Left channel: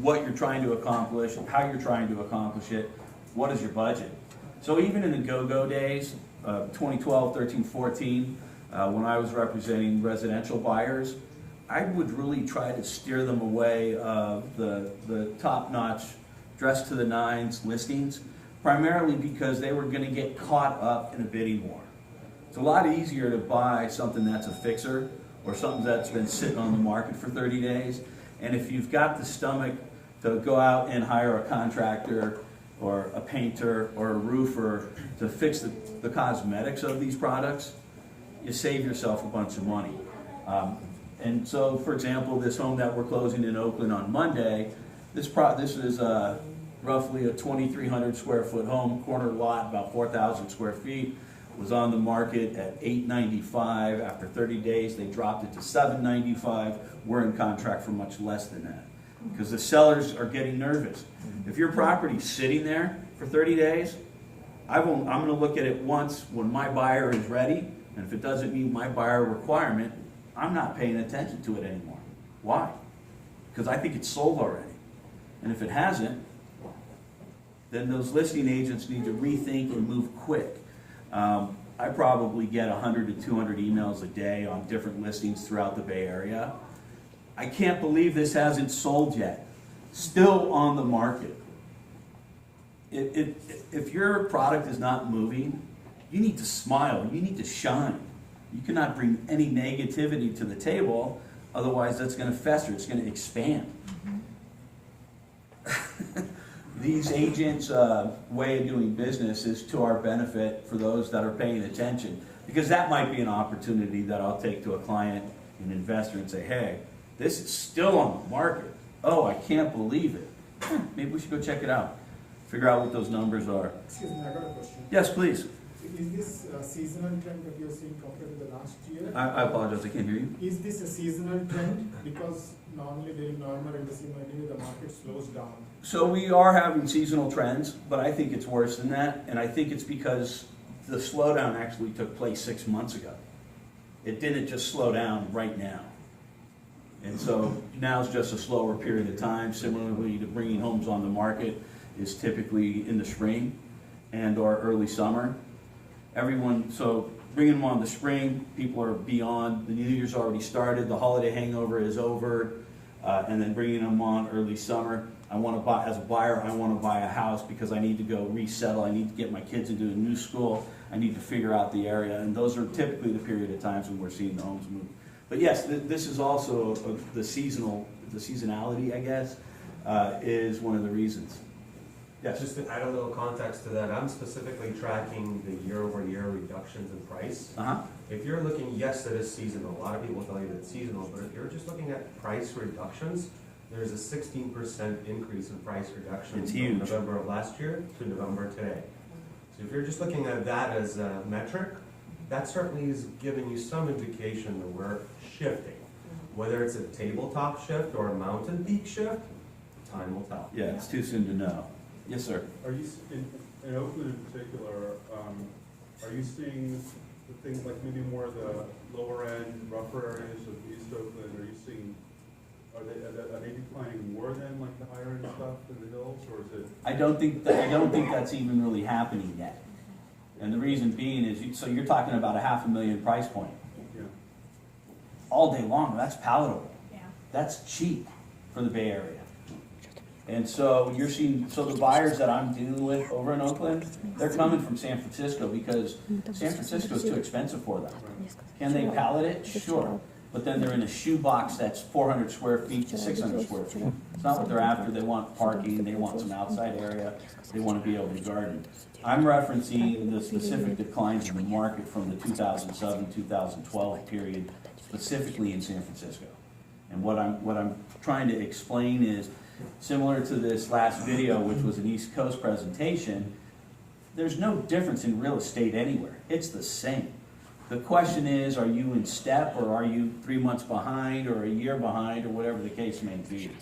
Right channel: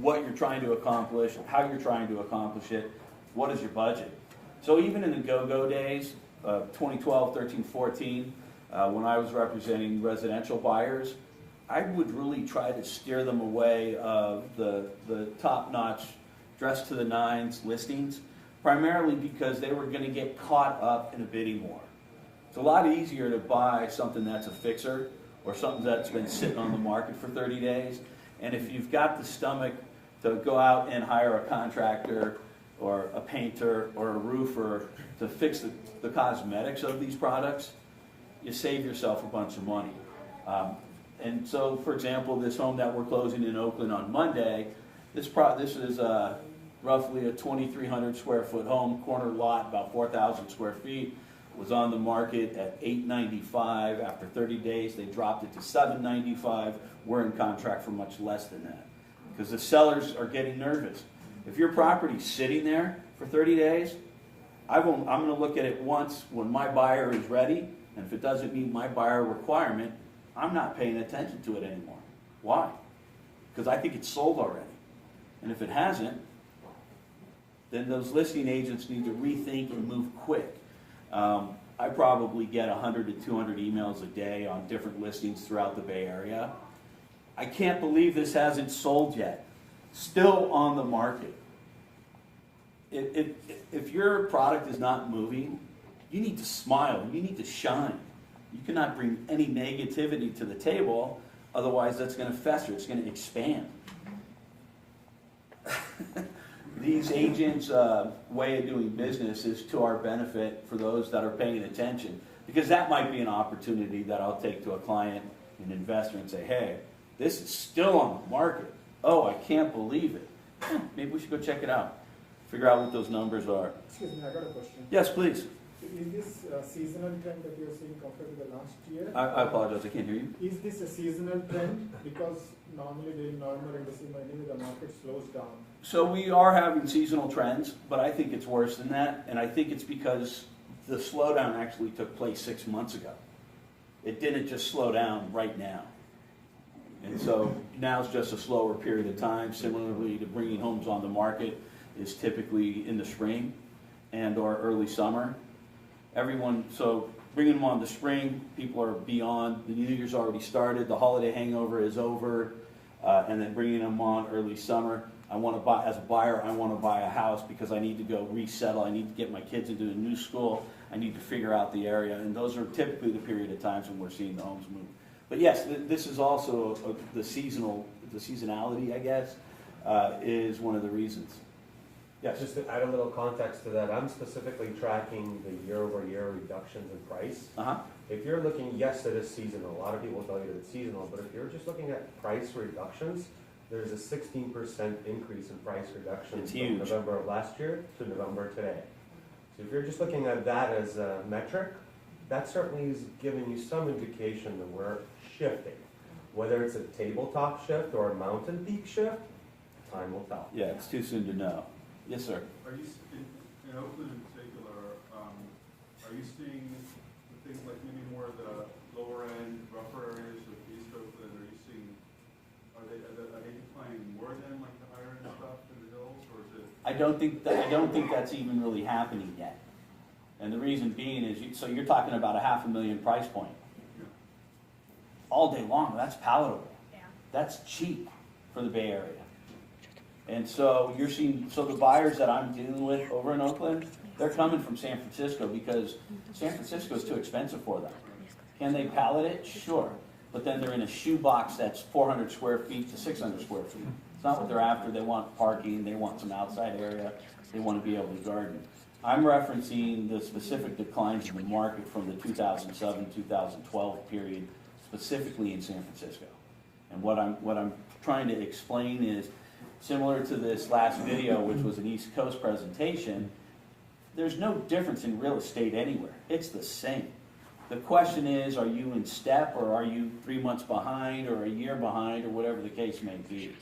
what you're trying to accomplish, how you're trying to accomplish it, what is your budget. So even in the go-go days, 2012, 13, 14, when I was representing residential buyers, I would really try to steer them away of the top-notch, dressed to the nines listings, primarily because they were going to get caught up in a bidding war. It's a lot easier to buy something that's a fixer or something that's been sitting on the market for 30 days. And if you've got the stomach to go out and hire a contractor or a painter or a roofer to fix the cosmetics of these products, you save yourself a bunch of money. And so, for example, this home that we're closing in Oakland on Monday, this is roughly a 2,300 square foot home, corner lot, about 4,000 square feet. Was on the market at $895. After 30 days, they dropped it to $795. We're in contract for much less than that because the sellers are getting nervous. If your property's sitting there for 30 days, I'm going to look at it once when my buyer is ready, and if it doesn't meet my buyer requirement, I'm not paying attention to it anymore. Why? Because I think it's sold already. And if it hasn't, then those listing agents need to rethink and move quick. I probably get 100 to 200 emails a day on different listings throughout the Bay Area. I can't believe this hasn't sold yet. Still on the market. If your product is not moving, you need to smile. You need to shine. You cannot bring any negativity to the table, otherwise that's going to fester. It's going to expand. These agents' way of doing business is to our benefit for those that are paying attention, because that might be an opportunity that I'll take to a client, an investor, and say, hey, this is still on the market. Oh, I can't believe it. Maybe we should go check it out. Figure out what those numbers are. Excuse me, I got a question. Yes, please. Is this a seasonal trend that you're seeing compared to the last year? I apologize, I can't hear you. Is this a seasonal trend? Because normally during November and December, the market slows down. So we are having seasonal trends, but I think it's worse than that, and I think it's because the slowdown actually took place 6 months ago. It didn't just slow down right now. And so now it's just a slower period of time. Similarly to bringing homes on the market is typically in the spring and or early summer. So bringing them on the spring, people are beyond, the New Year's already started, the holiday hangover is over, and then bringing them on early summer. I want to buy, as a buyer, I want to buy a house because I need to go resettle, I need to get my kids into a new school, I need to figure out the area, and those are typically the period of times when we're seeing the homes move. But yes, this is also the seasonality, I guess, is one of the reasons. Yes. Just to add a little context to that, I'm specifically tracking the year-over-year reductions in price. If you're looking, yes, it is seasonal. A lot of people tell you that it's seasonal, but if you're just looking at price reductions, there's a 16% increase in price reductions from November of last year to November today. So if you're just looking at that as a metric, that certainly is giving you some indication that we're shifting. Whether it's a tabletop shift or a mountain peak shift, time will tell. Yeah, it's too soon to know. Yes, sir. Are you, in Oakland in particular, are you seeing the things like maybe more of the lower end, rougher areas of East Oakland? Are you seeing, are they declining more than like the higher end stuff in the hills, or is it? I don't think that's even really happening yet. And the reason being is, so you're talking about a $500,000 price point. Yeah. All day long, that's palatable. Yeah. That's cheap for the Bay Area. And so you're seeing, so the buyers that I'm dealing with over in Oakland, they're coming from San Francisco because San Francisco is too expensive for them. Can they pallet it? Sure. But then they're in a shoebox that's 400 square feet to 600 square feet. It's not what they're after. They want parking, they want some outside area, they want to be able to garden. I'm referencing the specific declines in the market from the 2007-2012 period, specifically in San Francisco. And what I'm trying to explain is, similar to this last video, which was an East Coast presentation, there's no difference in real estate anywhere. It's the same. The question is, are you in step, or are you 3 months behind, or a year behind, or whatever the case may be?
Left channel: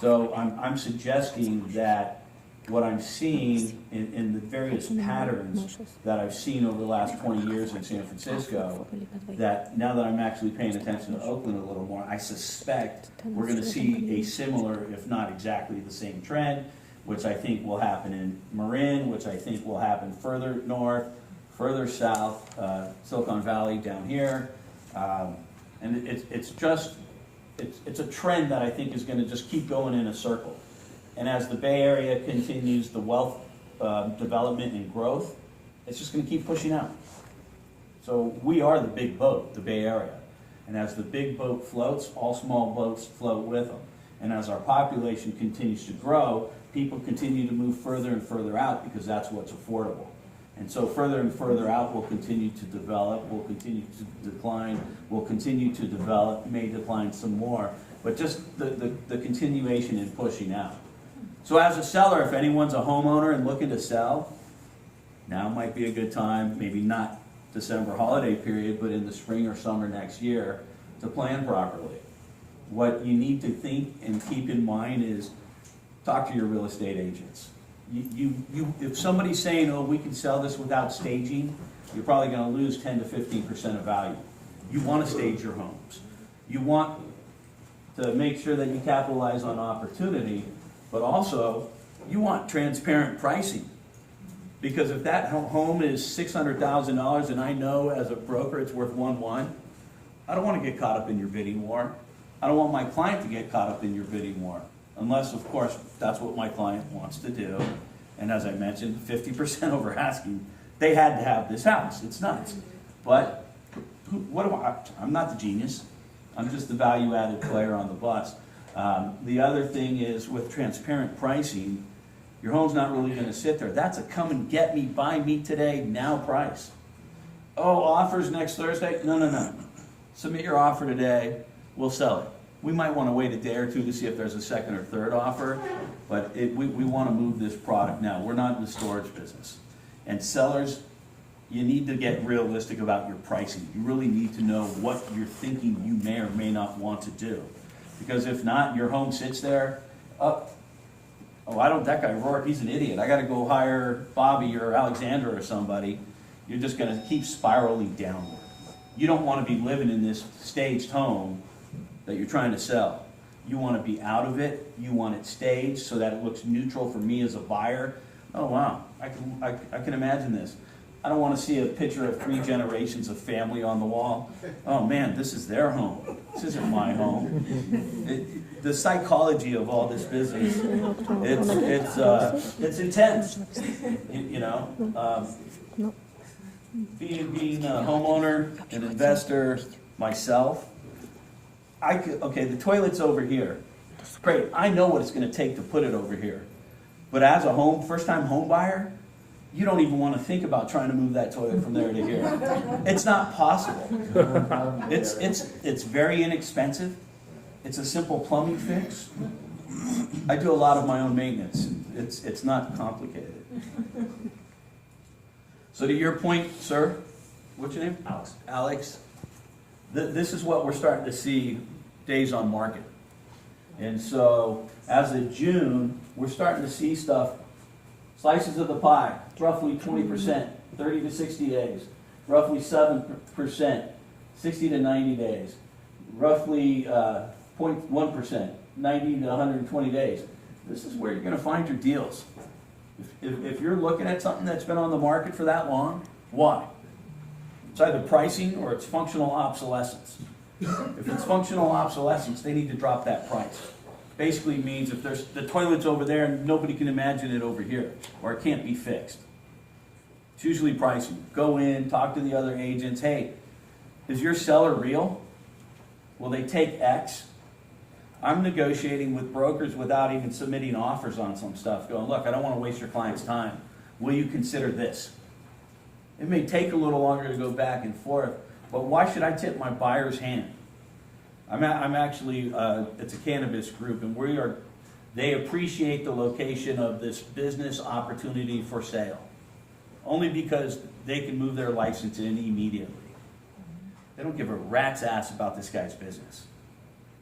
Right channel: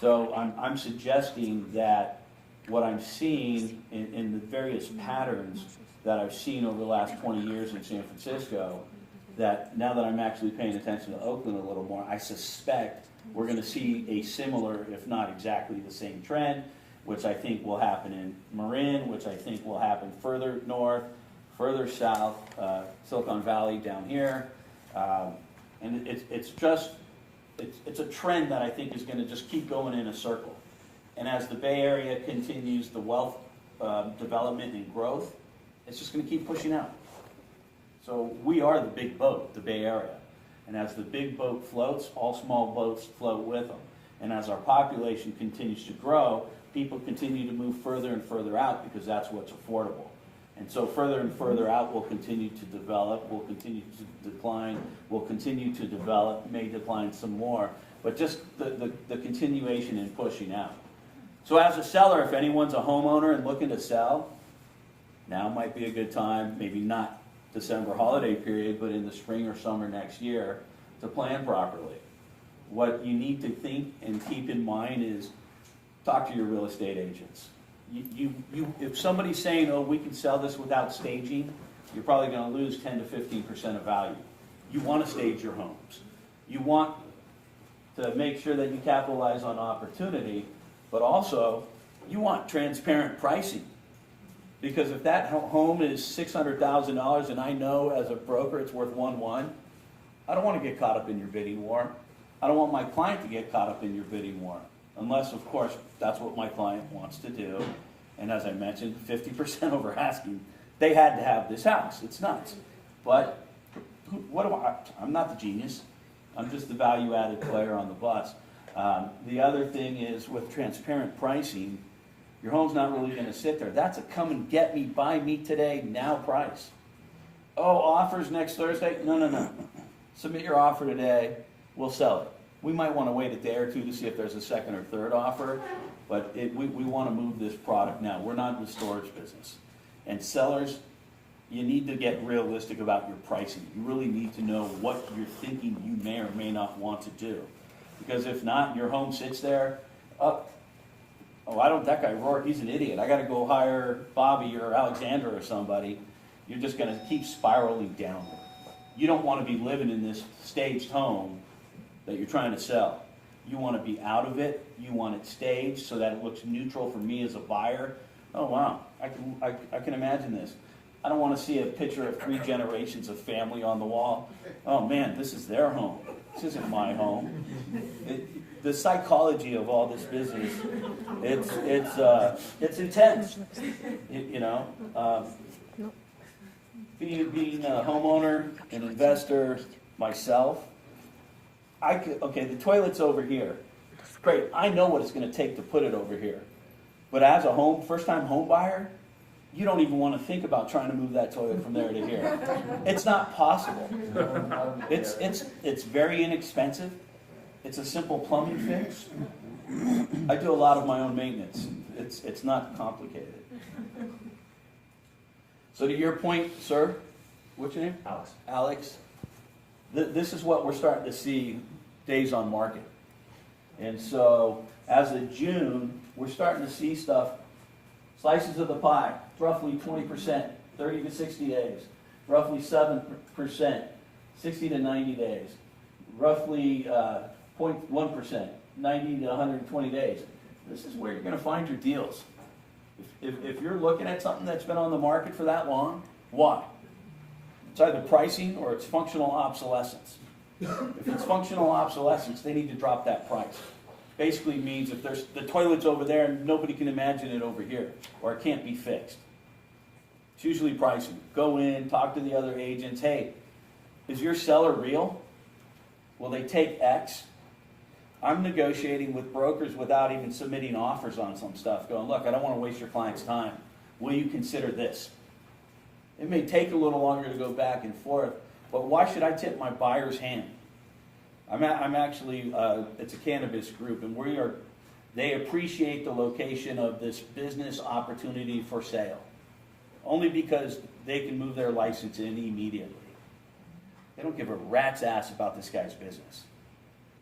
So I'm suggesting that what I'm seeing in the various patterns that I've seen over the last 20 years in San Francisco, that now that I'm actually paying attention to Oakland a little more, I suspect we're going to see a similar, if not exactly the same trend, which I think will happen in Marin, which I think will happen further north, further south, Silicon Valley down here. And it's a trend that I think is going to just keep going in a circle. And as the Bay Area continues the wealth development and growth, it's just going to keep pushing out. So we are the big boat, the Bay Area. And as the big boat floats, all small boats float with them. And as our population continues to grow, people continue to move further and further out because that's what's affordable. And so further and further out will continue to develop, will continue to decline, will continue to develop, may decline some more, but just the continuation in pushing out. So as a seller, if anyone's a homeowner and looking to sell, now might be a good time, maybe not December holiday period, but in the spring or summer next year, to plan properly. What you need to think and keep in mind is talk to your real estate agents. If somebody's saying, oh, we can sell this without staging, you're probably going to lose 10 to 15% of value. You want to stage your homes. You want to make sure that you capitalize on opportunity, but also you want transparent pricing. Because if that home is $600,000 and I know as a broker it's worth 1.1, I don't want to get caught up in your bidding war. I don't want my client to get caught up in your bidding war. Unless, of course, that's what my client wants to do. And as I mentioned, 50% over asking. They had to have this house. It's nuts. But what do I'm not the genius. I'm just the value-added player on the bus. The other thing is with transparent pricing, your home's not really going to sit there. That's a come and get me, buy me today, now price. Oh, offers next Thursday? No. Submit your offer today. We'll sell it. We might want to wait a day or two to see if there's a second or third offer, but we want to move this product now. We're not in the storage business. And sellers, you need to get realistic about your pricing. You really need to know what you're thinking you may or may not want to do. Because if not, your home sits there, that guy Rourke, he's an idiot. I got to go hire Bobby or Alexandra or somebody. You're just going to keep spiraling downward. You don't want to be living in this staged home that you're trying to sell. You want to be out of it. You want it staged so that it looks neutral for me as a buyer. Oh, wow. I can imagine this. I don't want to see a picture of 3 generations of family on the wall. Oh, man, this is their home. This isn't my home. The psychology of all this business, it's intense. Being a homeowner, an investor, myself, the toilet's over here. Great, I know what it's going to take to put it over here. But as a first-time home buyer, you don't even want to think about trying to move that toilet from there to here. It's not possible. It's very inexpensive. It's a simple plumbing fix. I do a lot of my own maintenance. It's not complicated. So to your point, sir, what's your name? Alex. This is what we're starting to see days on market. And so as of June, we're starting to see stuff, slices of the pie, roughly 20%, 30 to 60 days, roughly 7%, 60 to 90 days, roughly 0.1%, 90 to 120 days. This is where you're going to find your deals. If you're looking at something that's been on the market for that long, why? It's either pricing or it's functional obsolescence. If it's functional obsolescence, they need to drop that price. Basically means if there's the toilet's over there and nobody can imagine it over here, or it can't be fixed. It's usually pricing. Go in, talk to the other agents. Hey, is your seller real? Will they take X? I'm negotiating with brokers without even submitting offers on some stuff, going, look, I don't want to waste your client's time. Will you consider this? It may take a little longer to go back and forth, but why should I tip my buyer's hand? I'm actually, it's a cannabis group, and they appreciate the location of this business opportunity for sale, only because they can move their license in immediately. They don't give a rat's ass about this guy's business.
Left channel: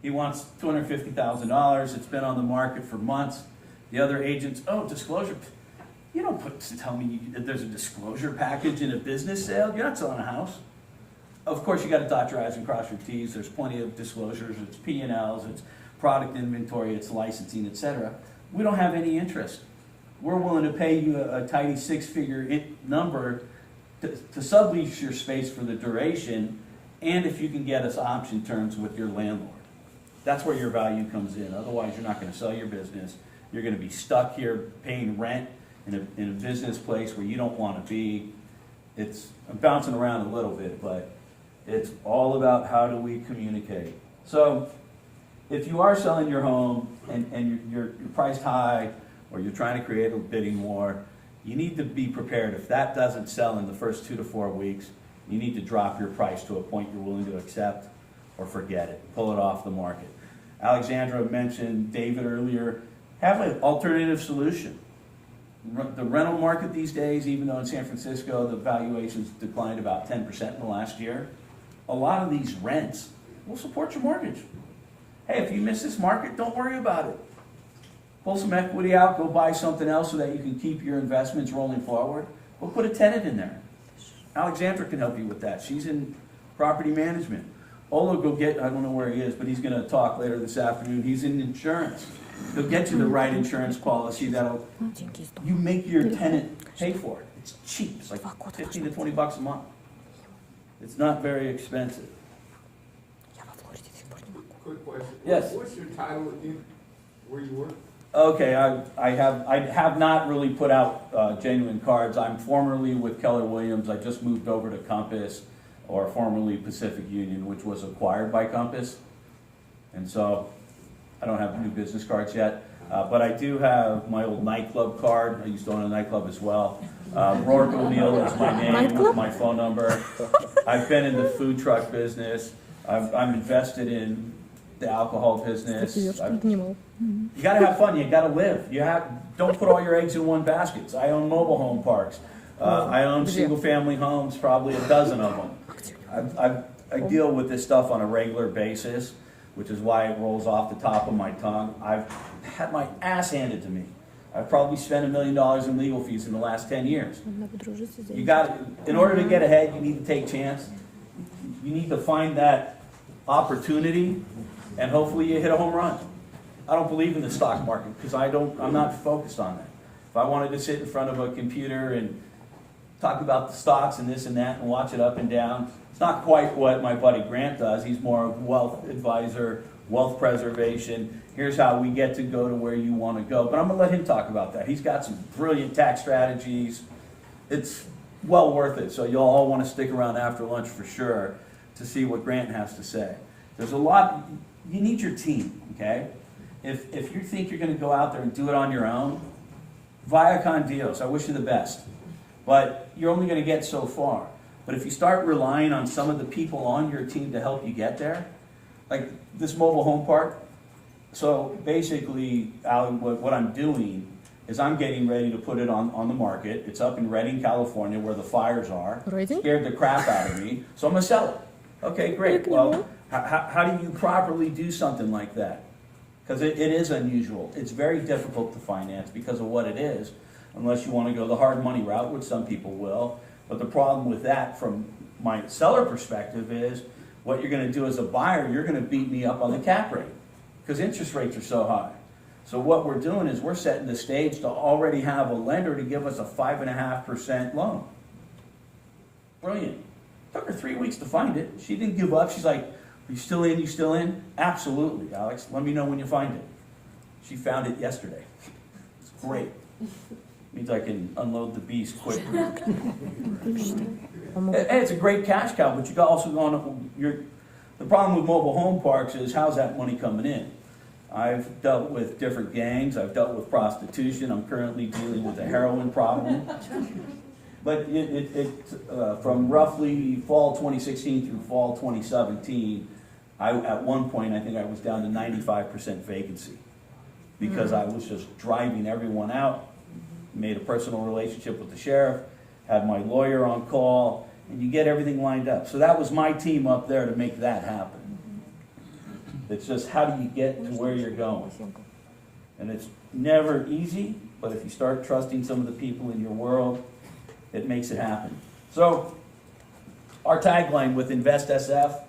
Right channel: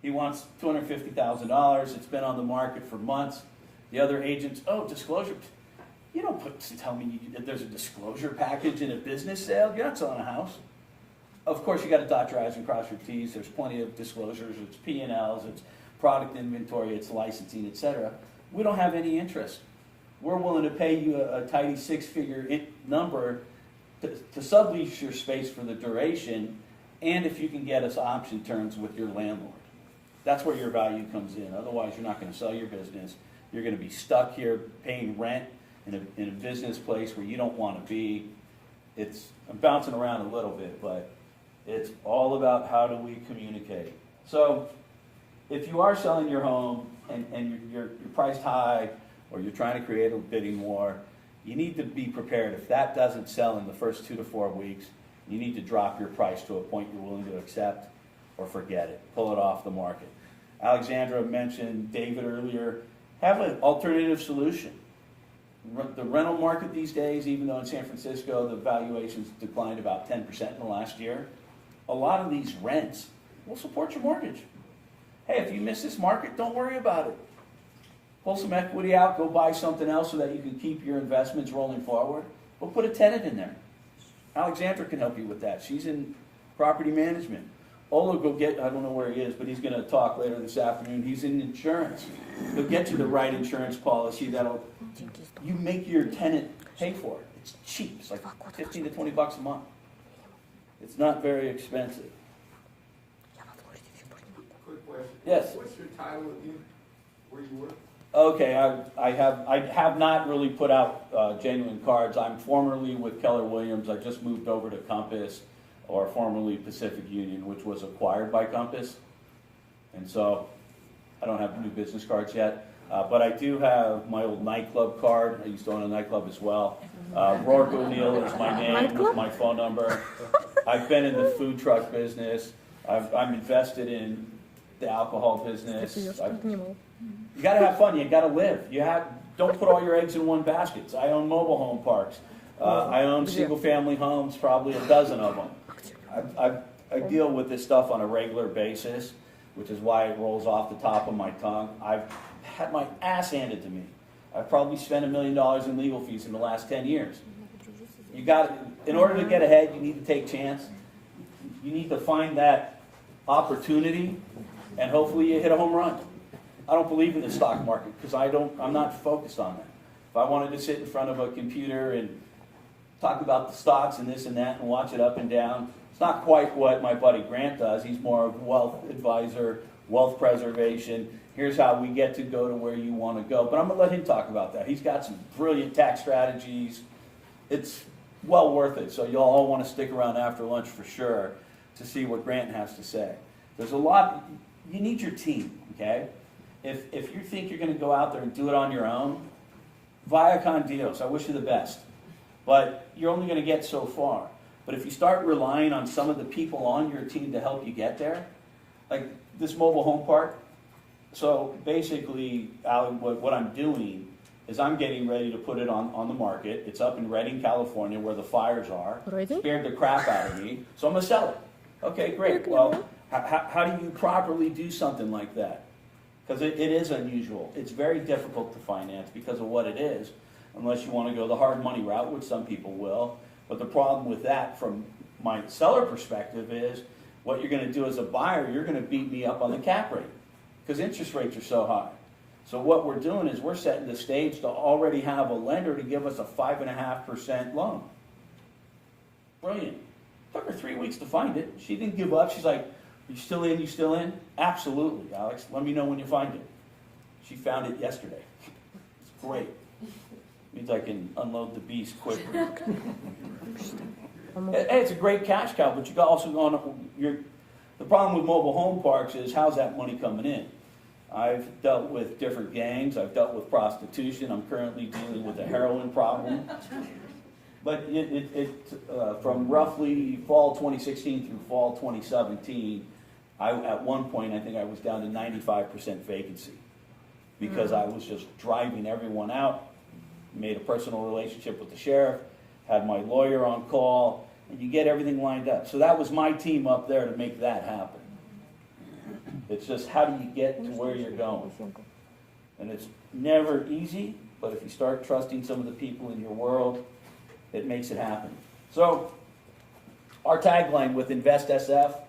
He wants $250,000. It's been on the market for months. The other agents, oh, disclosure. You don't tell me there's a disclosure package in a business sale. You're not selling a house. Of course, you got to dot your I's and cross your T's. There's plenty of disclosures. It's P&Ls, it's product inventory, it's licensing, etc. We don't have any interest. We're willing to pay you a tiny six-figure number to sublease your space for the duration, and if you can get us option terms with your landlord. That's where your value comes in. Otherwise, you're not going to sell your business. You're going to be stuck here paying rent in a business place where you don't want to be. I'm bouncing around a little bit, but it's all about how do we communicate. So if you are selling your home and you're priced high, or you're trying to create a bidding war, you need to be prepared. If that doesn't sell in the first 2 to 4 weeks, you need to drop your price to a point you're willing to accept, or forget it. Pull it off the market. Alexandra mentioned David earlier. Have an alternative solution. The rental market these days, even though in San Francisco the valuations declined about 10% in the last year, a lot of these rents will support your mortgage. Hey, if you miss this market, don't worry about it. Pull some equity out, go buy something else so that you can keep your investments rolling forward. Or put a tenant in there. Alexandra can help you with that. She's in property management. Ola, go get, I don't know where he is, but he's going to talk later this afternoon. He's in insurance. He'll get you the right insurance policy that'll, you make your tenant pay for it. It's cheap. It's like 15 to 20 bucks a month. It's not very expensive. Quick question. Yes. What's your title again? Where you work? Okay, I have not really put out genuine cards. I'm formerly with Keller Williams. I just moved over to Compass, or formerly Pacific Union, which was acquired by Compass. And so I don't have new business cards yet. But I do have my old nightclub card. I used to own a nightclub as well. Rourke O'Neill is my name with my phone number. I've been in the food truck business. I'm invested in the alcohol business. You got to have fun. You got to live. Don't put all your eggs in one basket. I own mobile home parks. I own single-family homes, probably a dozen of them. I deal with this stuff on a regular basis, which is why it rolls off the top of my tongue. I've had my ass handed to me. I've probably spent $1 million in legal fees in the last 10 years. In order to get ahead, you need to take chance. You need to find that opportunity, and hopefully you hit a home run. I don't believe in the stock market because I'm not focused on that. If I wanted to sit in front of a computer and talk about the stocks and this and that and watch it up and down, it's not quite what my buddy Grant does. He's more of a wealth advisor, wealth preservation. Here's how we get to go to where you want to go. But I'm going to let him talk about that. He's got some brilliant tax strategies. It's well worth it. So you'll all want to stick around after lunch for sure to see what Grant has to say. There's a lot. You need your team, okay? If you think you're going to go out there and do it on your own, via con Dios, I wish you the best. But you're only going to get so far. But if you start relying on some of the people on your team to help you get there, like this mobile home park, so basically, Alan, what I'm doing is I'm getting ready to put it on the market. It's up in Redding, California, where the fires are. Scared the crap out of me. So I'm going to sell it. Okay, great. Well, how do you properly do something like that? Because it is unusual. It's very difficult to finance because of what it is, unless you want to go the hard money route, which some people will. But the problem with that, from my seller perspective, is what you're going to do as a buyer, you're going to beat me up on the cap rate because interest rates are so high. So what we're doing is we're setting the stage to already have a lender to give us a 5.5% loan. Brilliant. Took her 3 weeks to find it. She didn't give up. She's like, "Are you still in? You still in?" "Absolutely, Alex. Let me know when you find it." She found it yesterday. It's great. Means I can unload the beast quickly. It's a great cash cow, but you also the problem with mobile home parks is how's that money coming in? I've dealt with different gangs. I've dealt with prostitution. I'm currently dealing with a heroin problem. But from roughly fall 2016 through fall 2017, at one point I think I was down to 95% vacancy because I was just driving everyone out. Made a personal relationship with the sheriff, had my lawyer on call, and you get everything lined up. So that was my team up there to make that happen. It's just how do you get to where you're going? And it's never easy, but if you start trusting some of the people in your world, it makes it happen. So, our tagline with InvestSF,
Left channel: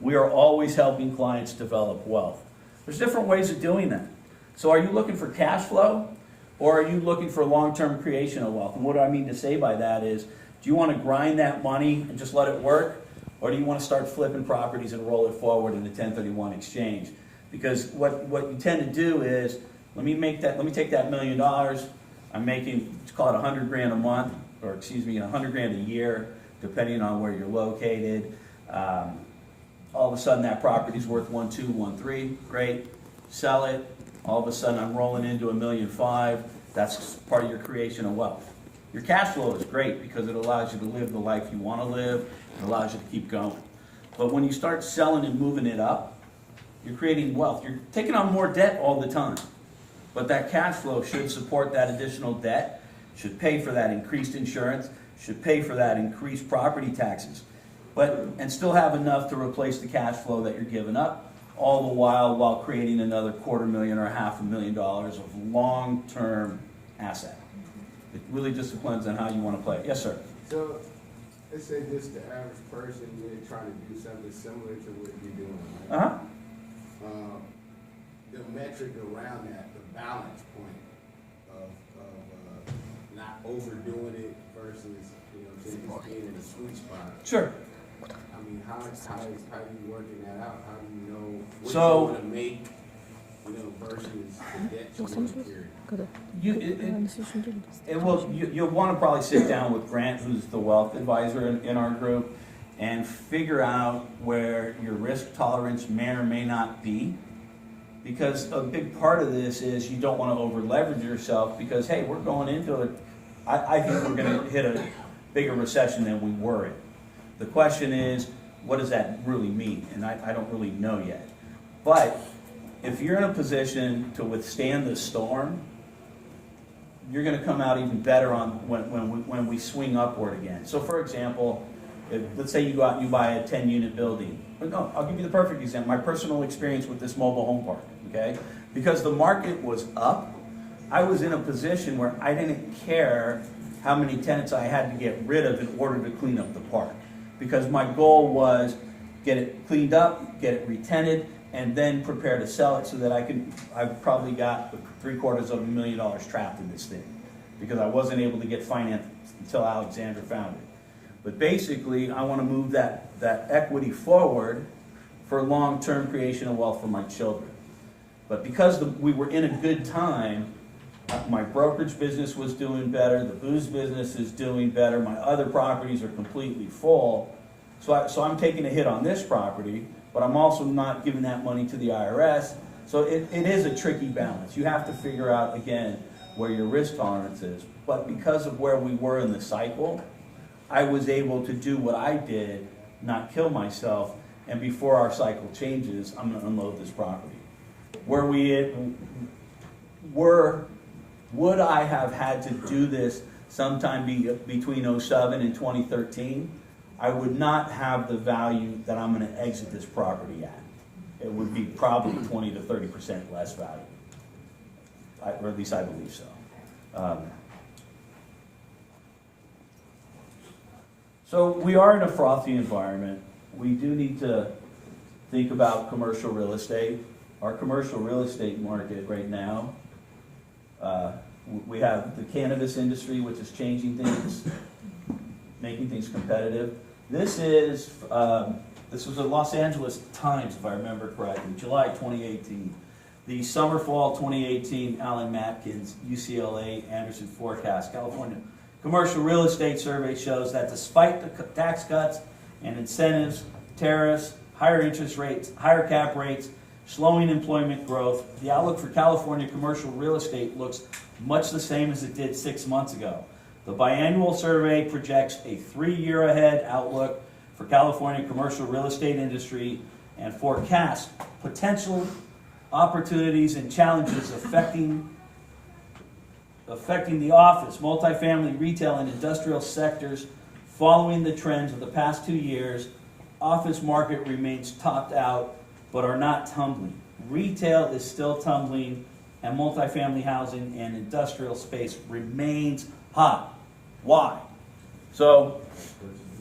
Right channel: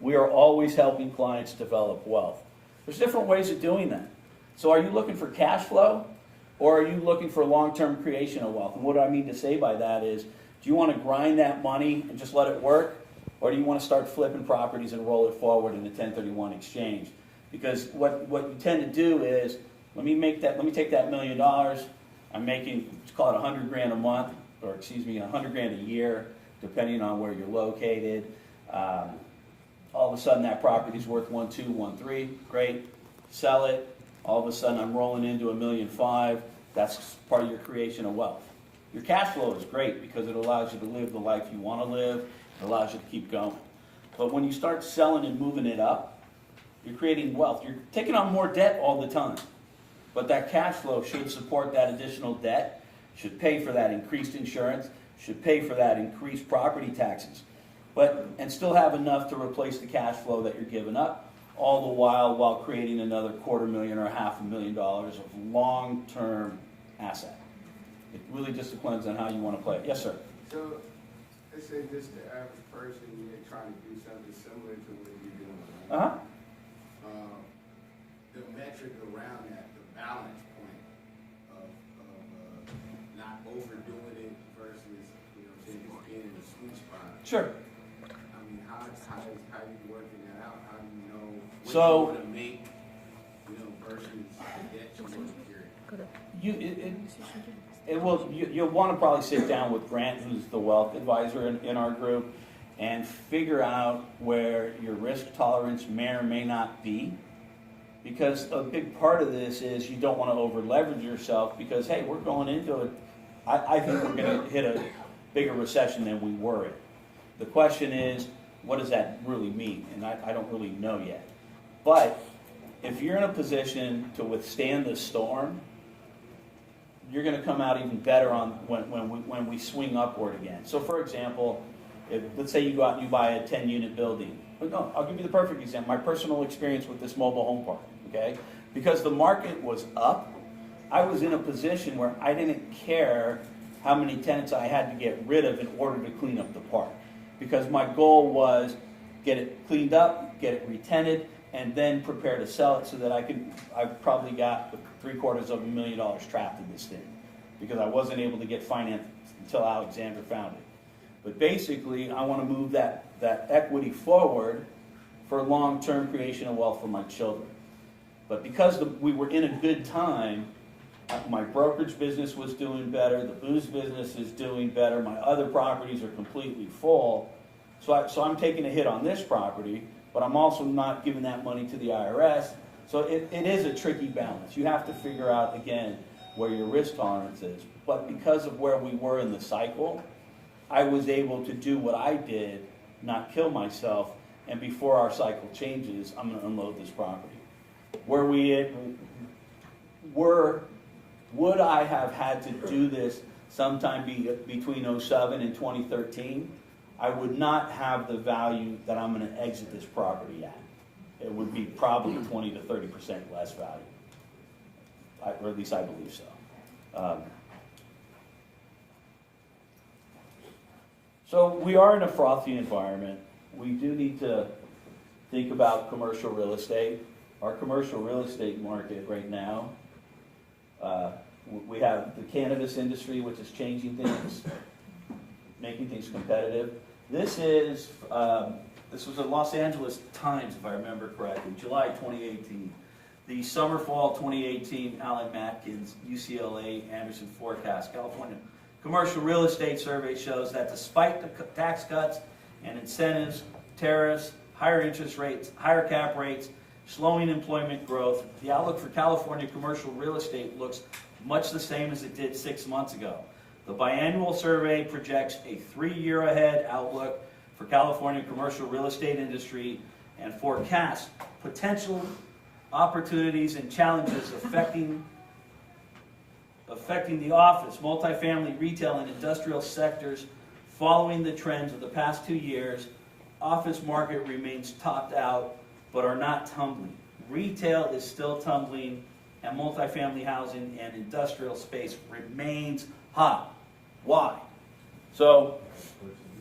we are always helping clients develop wealth. There's different ways of doing that. So are you looking for cash flow, or are you looking for long-term creation of wealth? And what I mean to say by that is, do you want to grind that money and just let it work, or do you want to start flipping properties and roll it forward in a 1031 exchange? Because what you tend to do is, let me take that $1 million, I'm making, let's call it 100 grand a month, or excuse me, 100 grand a year, depending on where you're located. All of a sudden that property's worth 1.2, 1.3, great, sell it. All of a sudden I'm rolling into $1.5 million. That's part of your creation of wealth. Your cash flow is great because it allows you to live the life you want to live. It allows you to keep going. But when you start selling and moving it up, you're creating wealth. You're taking on more debt all the time. But that cash flow should support that additional debt, should pay for that increased insurance, should pay for that increased property taxes, and still have enough to replace the cash flow that you're giving up, all the while creating another $250,000 or $500,000 of long-term asset. It really just depends on how you want to play it. Yes, sir. So, let's say just the average person, you're trying to do something similar to what you're doing, right? Uh-huh. The metric around that, the balance point of not overdoing it versus, just being in the sweet spot. Sure. I mean, how are you working that out? How do you know what So, you want to make, versus the debt you want to carry? You'll want to probably sit down with Grant, who's the wealth advisor in our group, and figure out where your risk tolerance may or may not be. Because a big part of this is you don't want to over leverage yourself because, hey, we're going into it. I think we're going to hit a bigger recession than we were in. The question is, what does that really mean? And I don't really know yet. But if you're in a position to withstand the storm, you're going to come out even better on when we swing upward again. So, for example, let's say you go out and you buy a 10-unit building. No, I'll give you the perfect example. My personal experience with this mobile home park, okay? Because the market was up, I was in a position where I didn't care how many tenants I had to get rid of in order to clean up the park. Because my goal was get it cleaned up, get it re-tenanted, and then prepare to sell it so that I've probably got $750,000 trapped in this thing. Because I wasn't able to get financed until Alexander found it. But basically, I want to move that equity forward for long-term creation of wealth for my children. But because we were in a good time, my brokerage business was doing better, the booze business is doing better, my other properties are completely full. So I'm taking a hit on this property, but I'm also not giving that money to the IRS. So it is a tricky balance. You have to figure out, again, where your risk tolerance is. But because of where we were in the cycle, I was able to do what I did, not kill myself, and before our cycle changes, I'm going to unload this property. Would I have had to do this sometime between 2007 and 2013? I would not have the value that I'm going to exit this property at. It would be probably 20 to 30% less value. Or at least I believe so. So we are in a frothy environment. We do need to think about commercial real estate. Our commercial real estate market right now, we have the cannabis industry, which is changing things, making things competitive. This was a Los Angeles Times, if I remember correctly, July 2018. The summer-fall 2018 Alan Matkins, UCLA Anderson Forecast, California. Commercial real estate survey shows that despite the tax cuts and incentives, tariffs, higher interest rates, higher cap rates, slowing employment growth, the outlook for California commercial real estate looks much the same as it did 6 months ago. The biannual survey projects a 3-year ahead outlook for California commercial real estate industry and forecasts potential opportunities and challenges affecting the office, multifamily, retail, and industrial sectors. Following the trends of the past 2 years, office market remains topped out, but are not tumbling. Retail is still tumbling and multifamily housing and industrial space remains hot. Why? So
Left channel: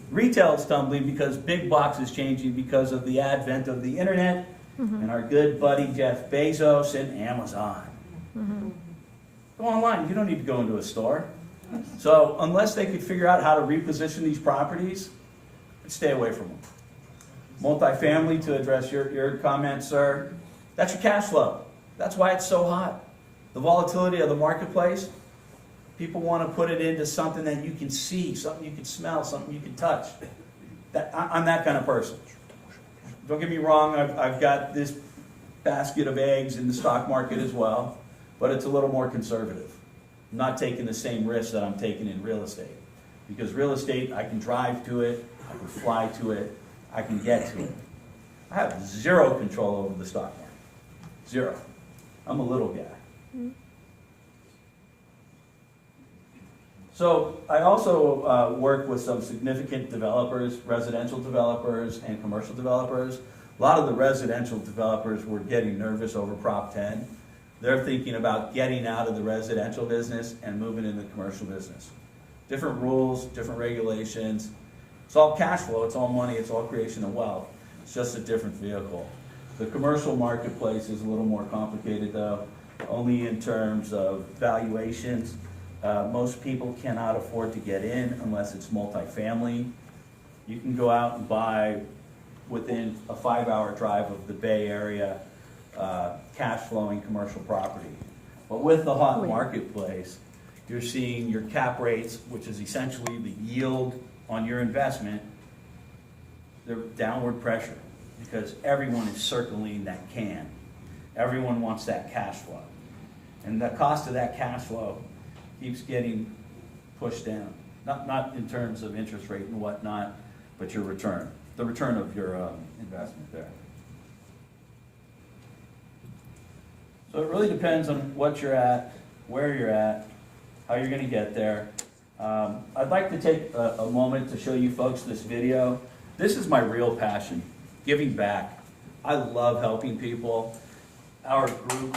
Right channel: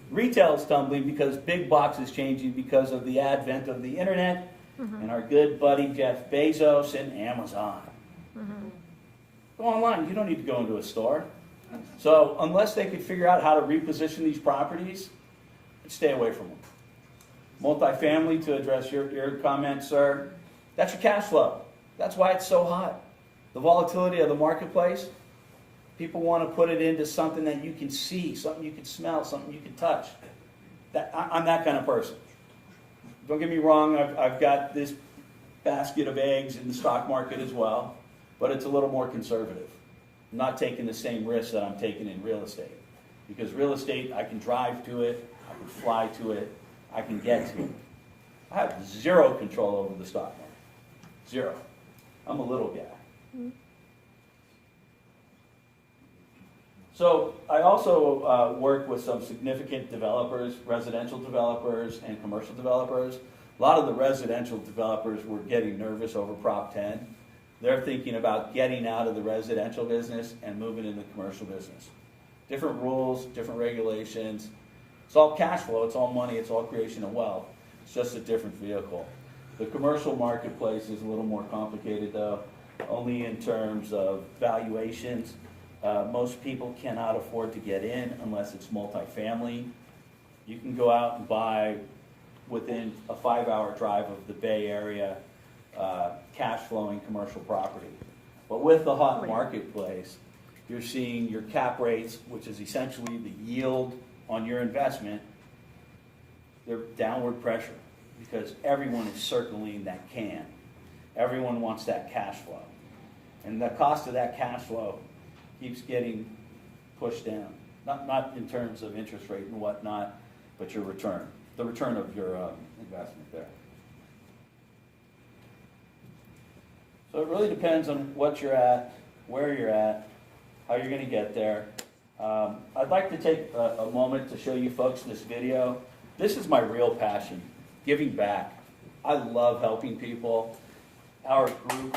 retail is tumbling because big box is changing because of the advent of the internet and our good buddy Jeff Bezos and Amazon. Go online. You don't need to go into a store. So unless they could figure out how to reposition these properties, stay away from them. Multifamily, to address your comment, sir, that's your cash flow. That's why it's so hot. The volatility of the marketplace, people want to put it into something that you can see, something you can smell, something you can touch. I'm that kind of person. Don't get me wrong, I've got this basket of eggs in the stock market as well, but it's a little more conservative. I'm not taking the same risk that I'm taking in real estate. Because real estate, I can drive to it, I can fly to it, I can get to it. I have zero control over the stock market. Zero. I'm a little guy. So I also work with some significant developers, residential developers and commercial developers. A lot of the residential developers were getting nervous over Prop 10. They're thinking about getting out of the residential business and moving into the commercial business. Different rules, different regulations. It's all cash flow, it's all money, it's all creation of wealth. It's just a different vehicle. The commercial marketplace is a little more complicated though, only in terms of valuations. Most people cannot afford to get in unless it's multifamily. You can go out and buy within a 5-hour drive of the Bay Area cash flowing commercial property. But with the hot marketplace, you're seeing your cap rates, which is essentially the yield on your investment, they're downward pressure because everyone is circling that can. Everyone wants that cash flow. And the cost of that cash flow keeps getting pushed down. Not in terms of interest rate and whatnot, but your return. The return of your investment there. So it really depends on what you're at, where you're at, how you're going to get there. I'd like to take a moment to show you folks this video. This is my real passion, giving back. I love helping people. Our group